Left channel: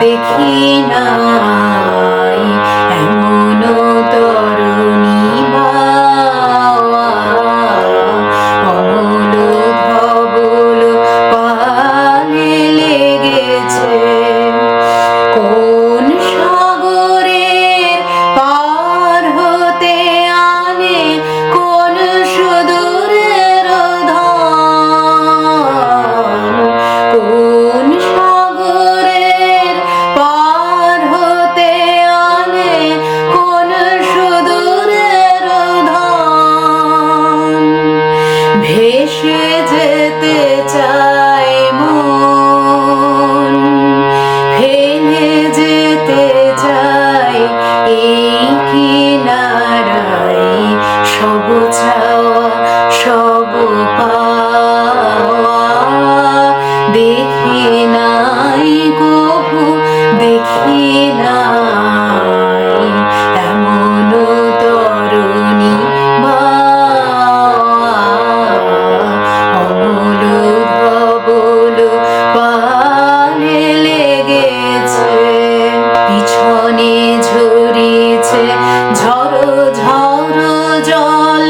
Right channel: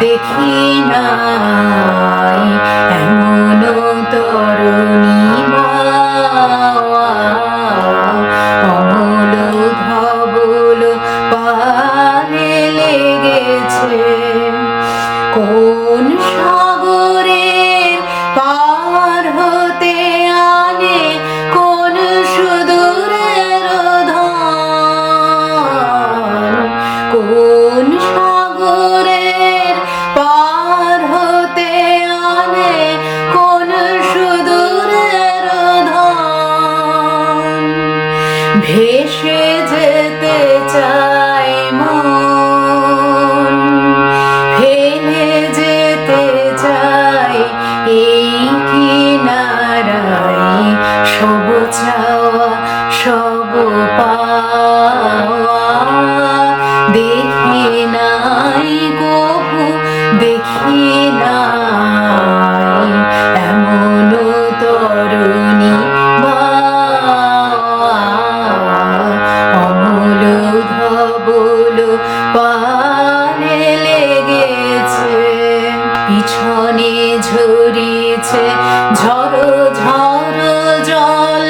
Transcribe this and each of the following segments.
দেখি নাই এমন তরুণী অমল ধবল পালে লেগেছে। কোন সব চাওয়া সব পাওয়া। দেখি নাই কবু দেখি নাই এমন তরুণী বাওয়া। অমূল ধবল পালে লেগেছে, পিছনে ঝরিছে ঝড়ো ঝড়ো জল,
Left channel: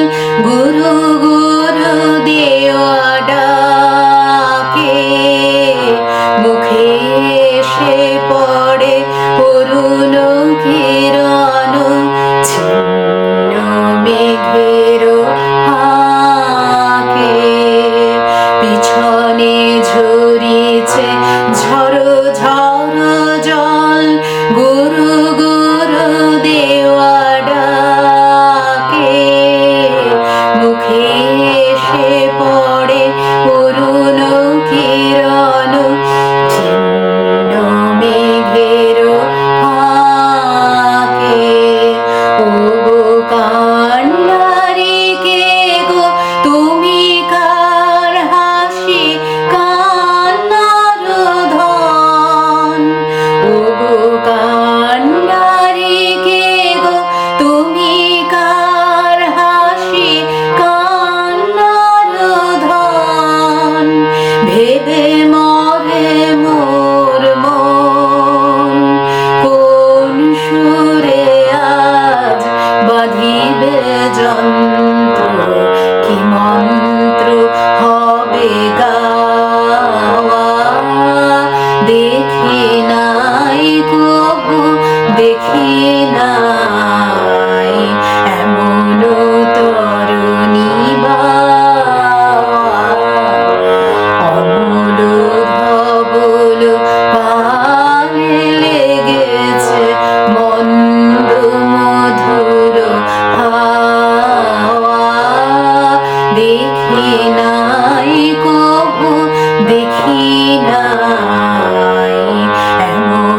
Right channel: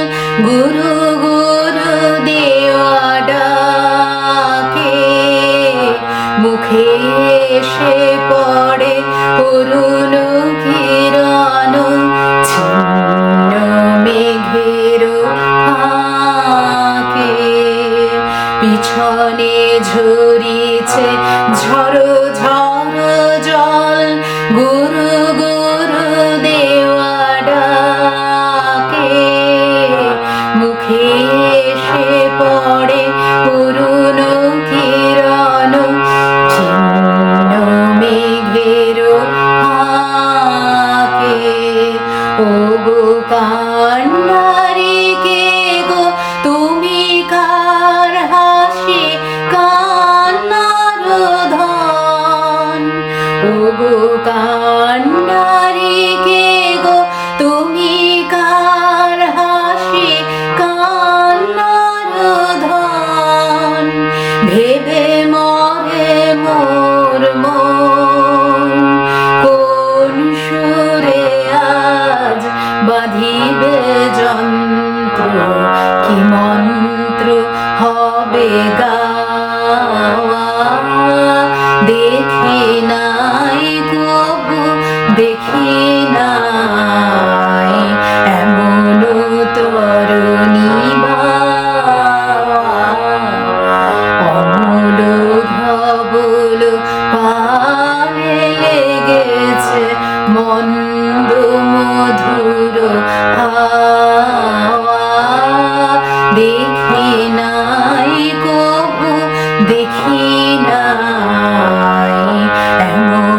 গুরু গুরু ডাকে মুখে এসে পড়ে অরুণ কিরণ, ছিন্ন মেঘের ফাঁকে। পিছনে ঝরিছে ঝড়ো ঝড়ো জল, গুরু মুখে বাঁধিবে যন্ত্র কি মন্ত্র হবে গাওয়া? দেখে নাই কবু দেখে নাই দেখি নাই কবু দেখি নাই এমন